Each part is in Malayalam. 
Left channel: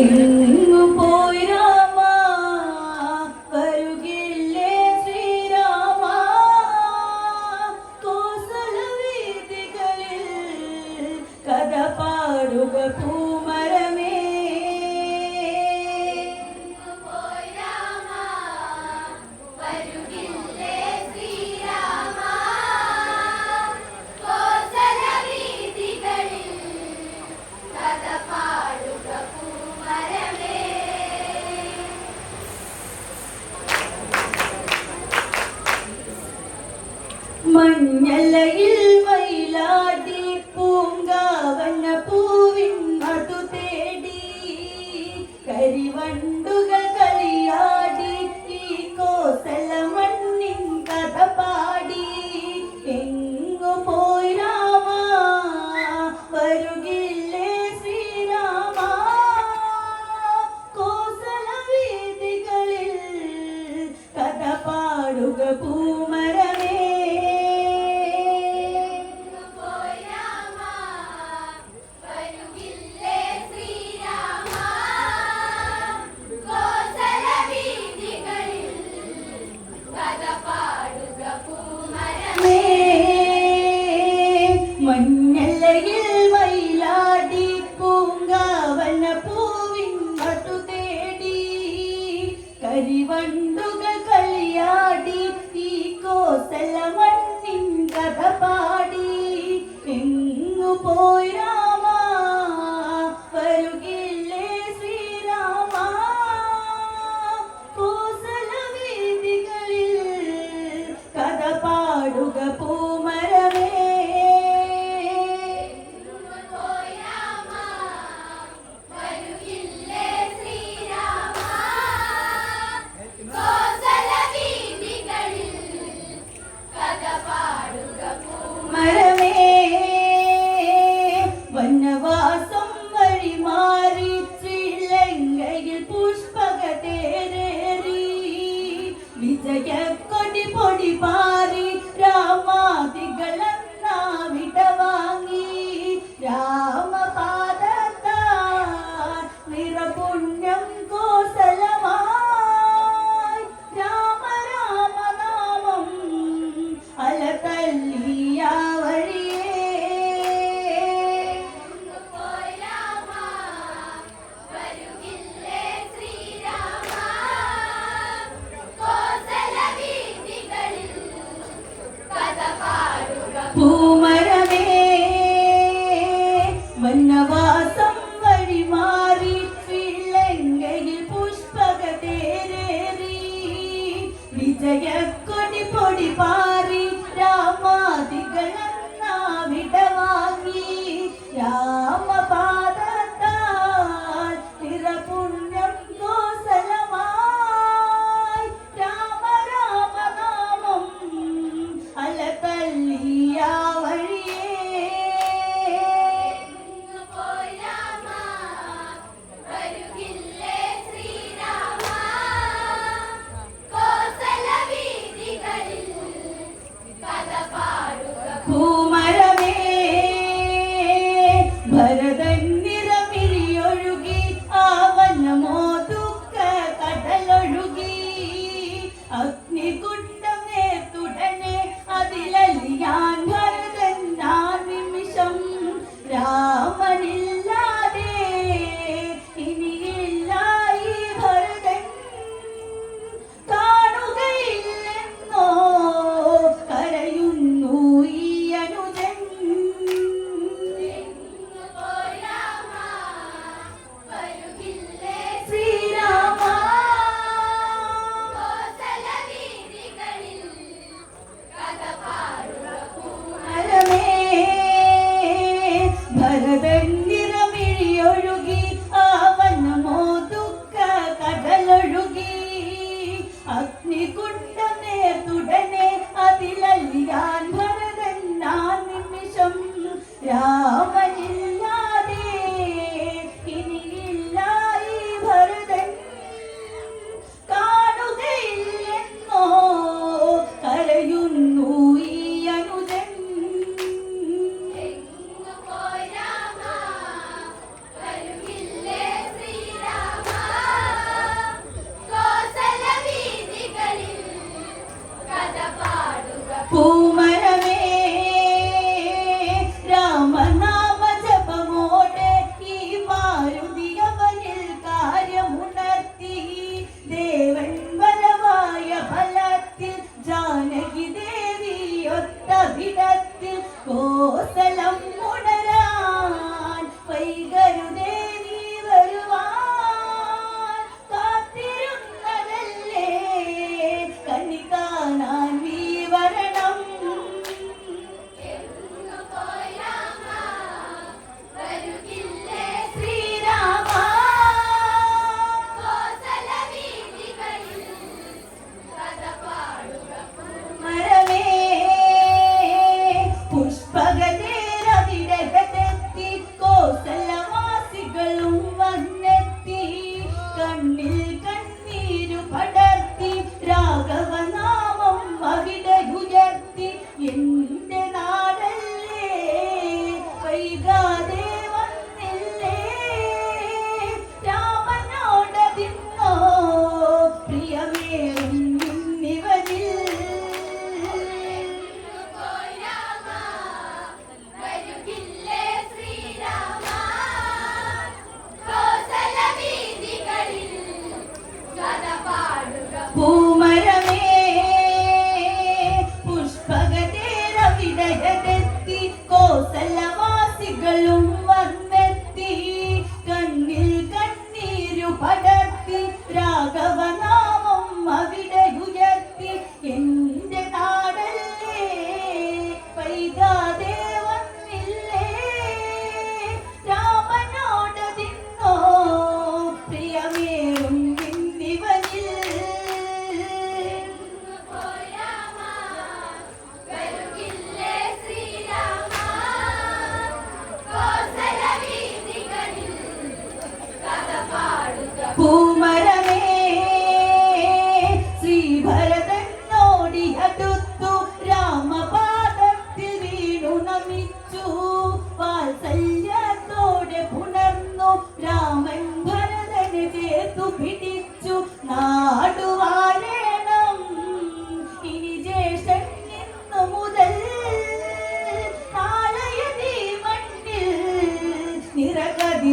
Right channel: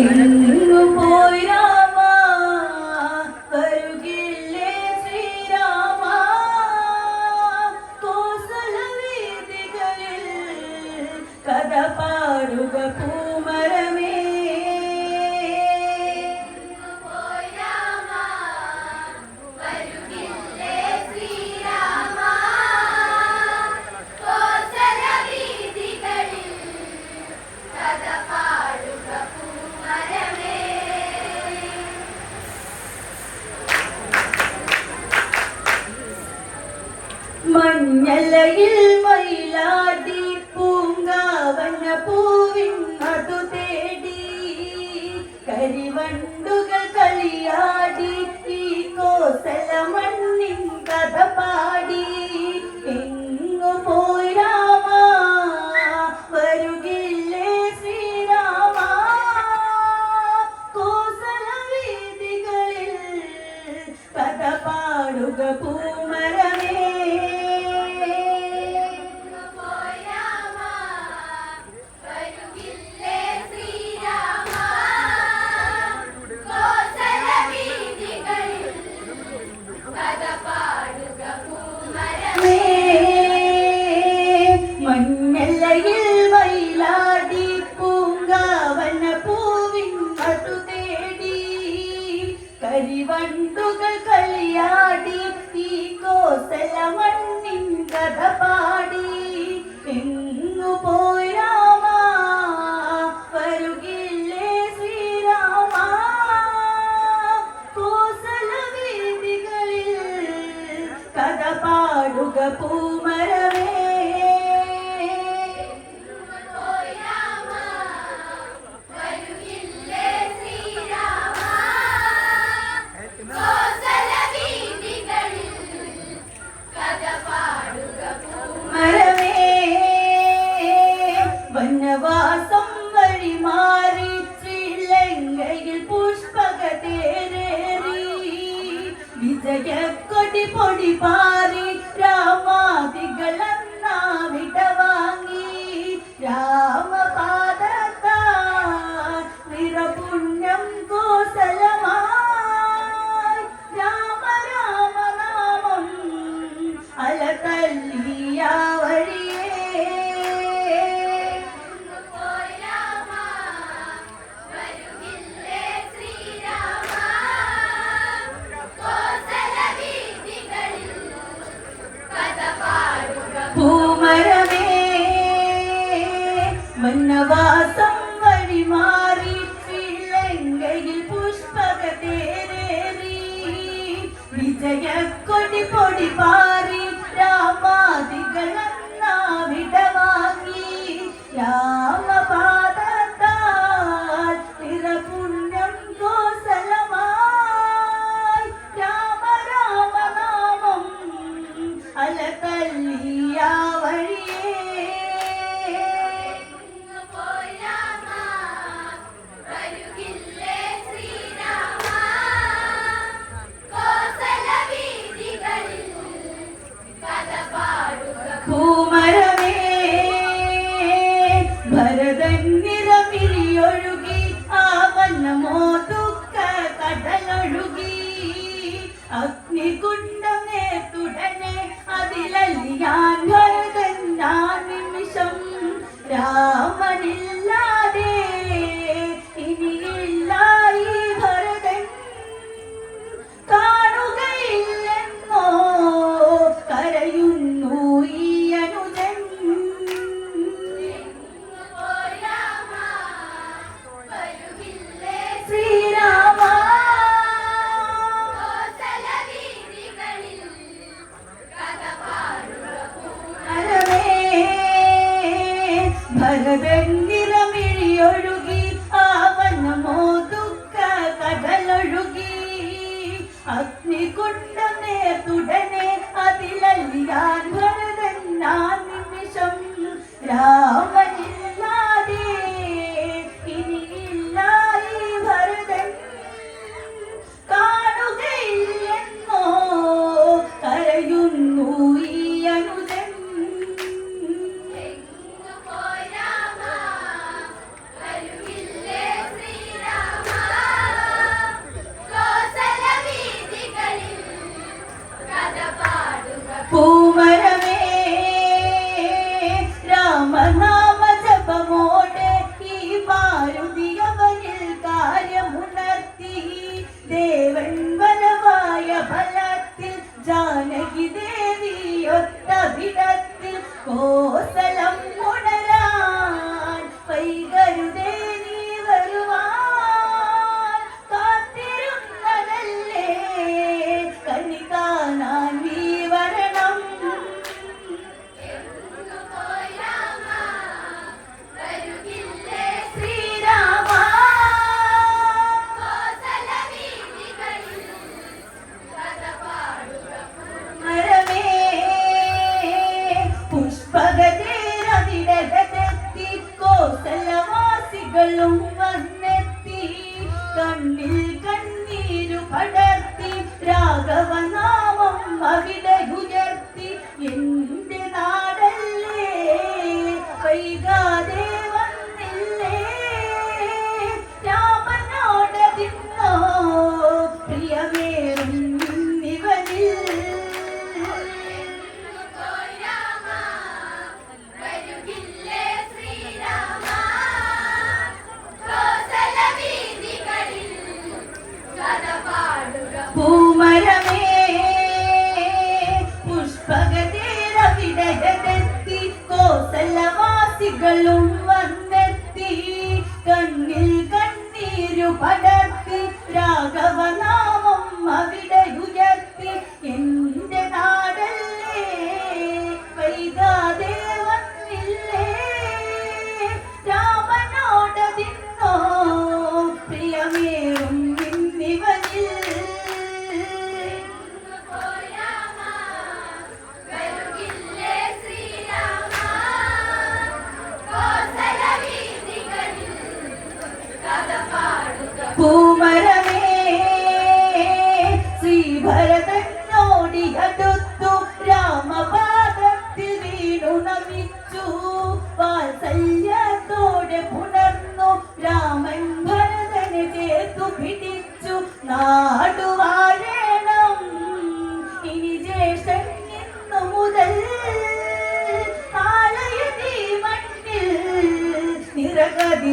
എങ്ങു ಜಗತ್ಕೊಡಿ ಪೊಡಿ ಬಾ এই ರಾಘವನ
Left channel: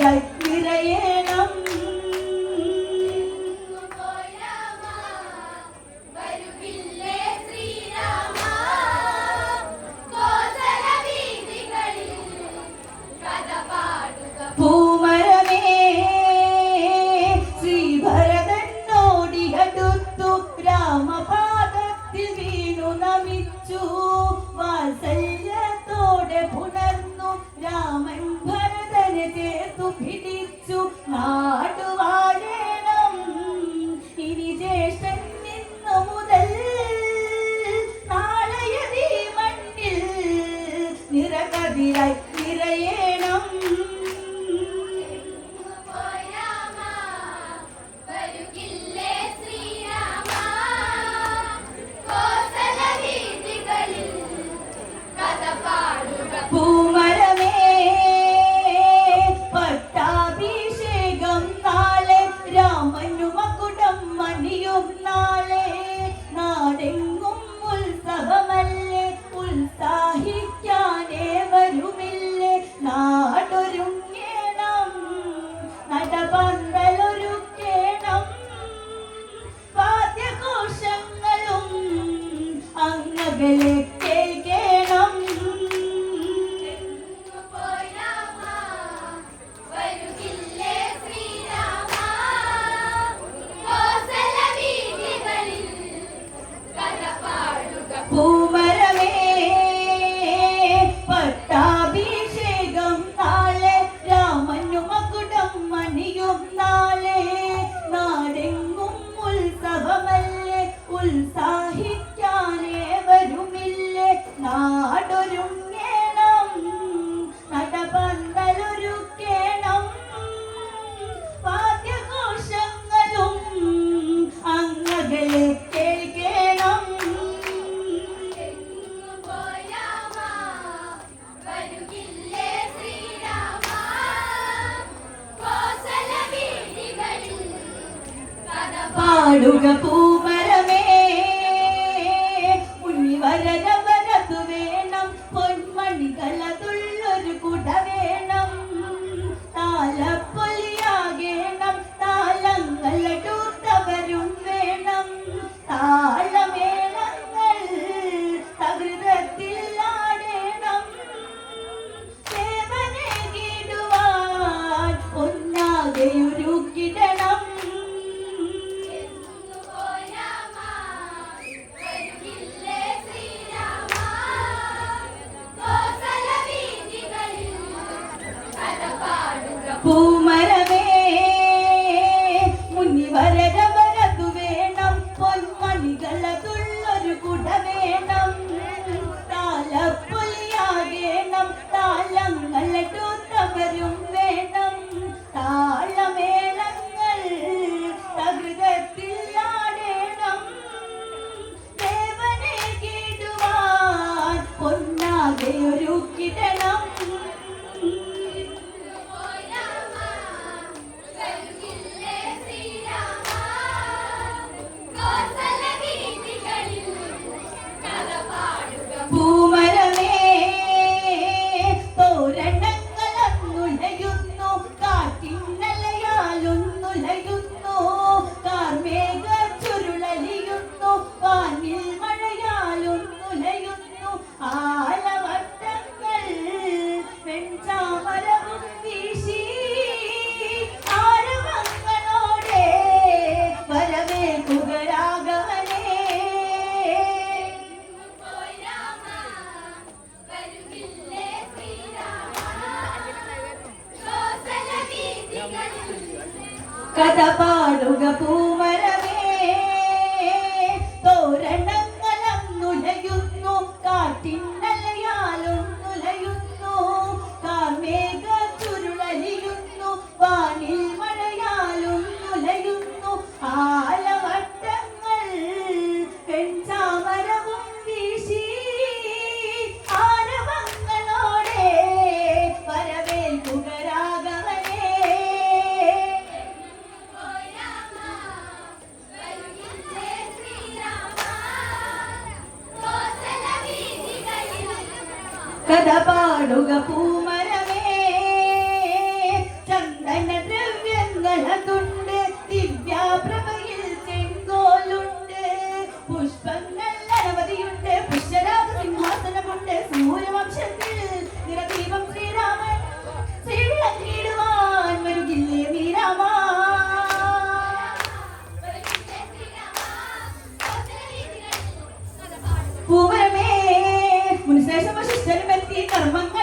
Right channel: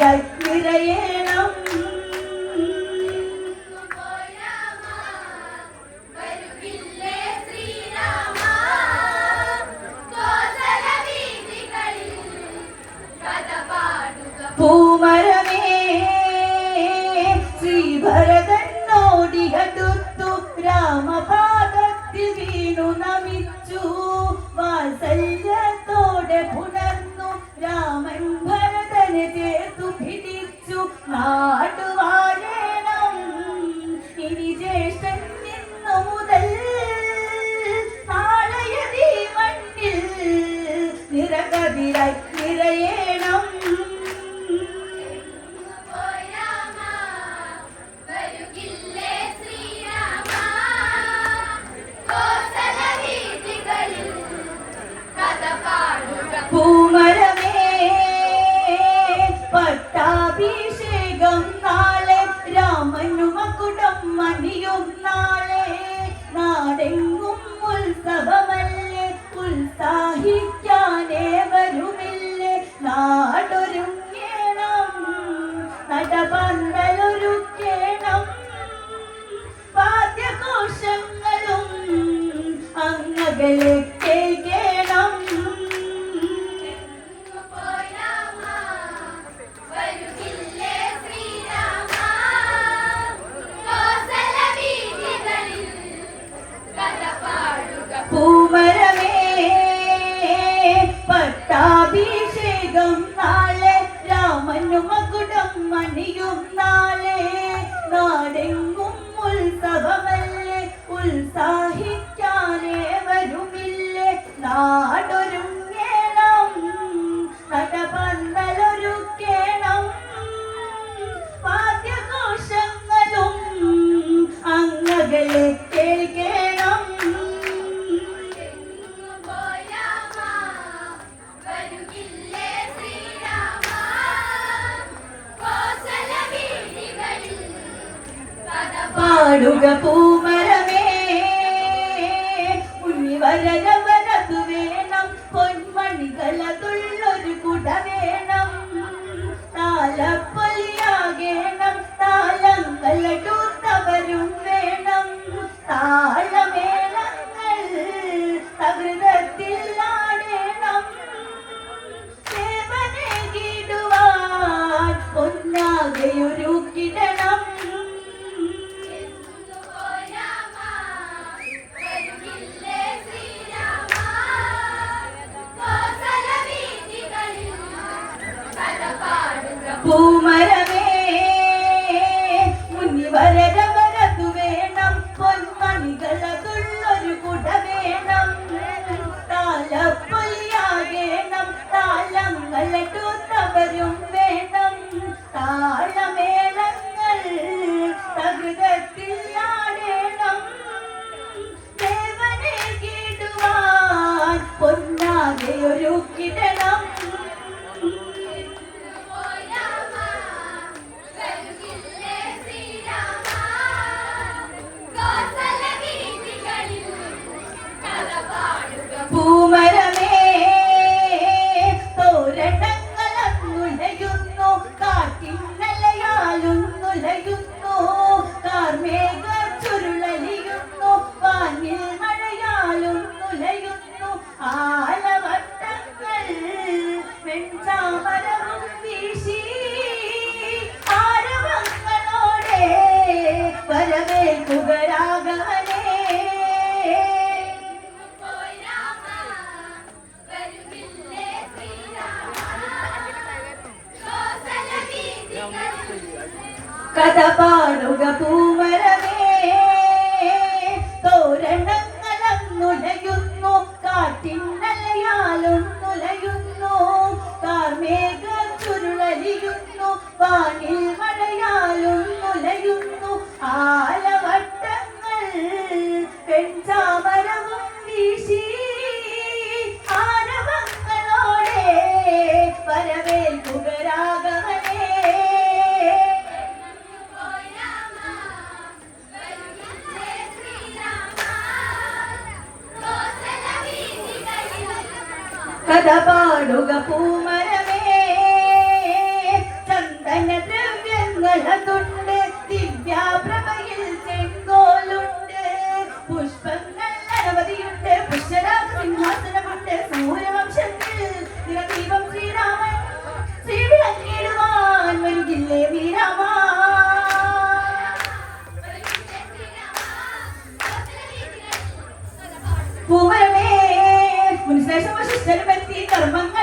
Okay. ಬೆಲೆ പാടുക പൂമരമേ കഥ പാടുക പൂമരമേ. ചന്ദന ദ്രവ്യങ്ങളതുണ്ട് ദിവ്യാപ്രഭയിൽ ചെങ്കോലുണ്ട്. പുഷ്പങ്ങൾ അനവധിയുണ്ട് പുഷ്യരാഗ സിംഹാസനമുണ്ട് സൂര്യവംശത്തിൽ നിറദീപം ശ്രീരാമൻ ശ്രീവിളങ്ങിയിടുവാൻ വരുകില്ലേ വീരാമ പൂമരമേ മുൻശേഷം ശിഷ്ടനും ઈ ધર્મ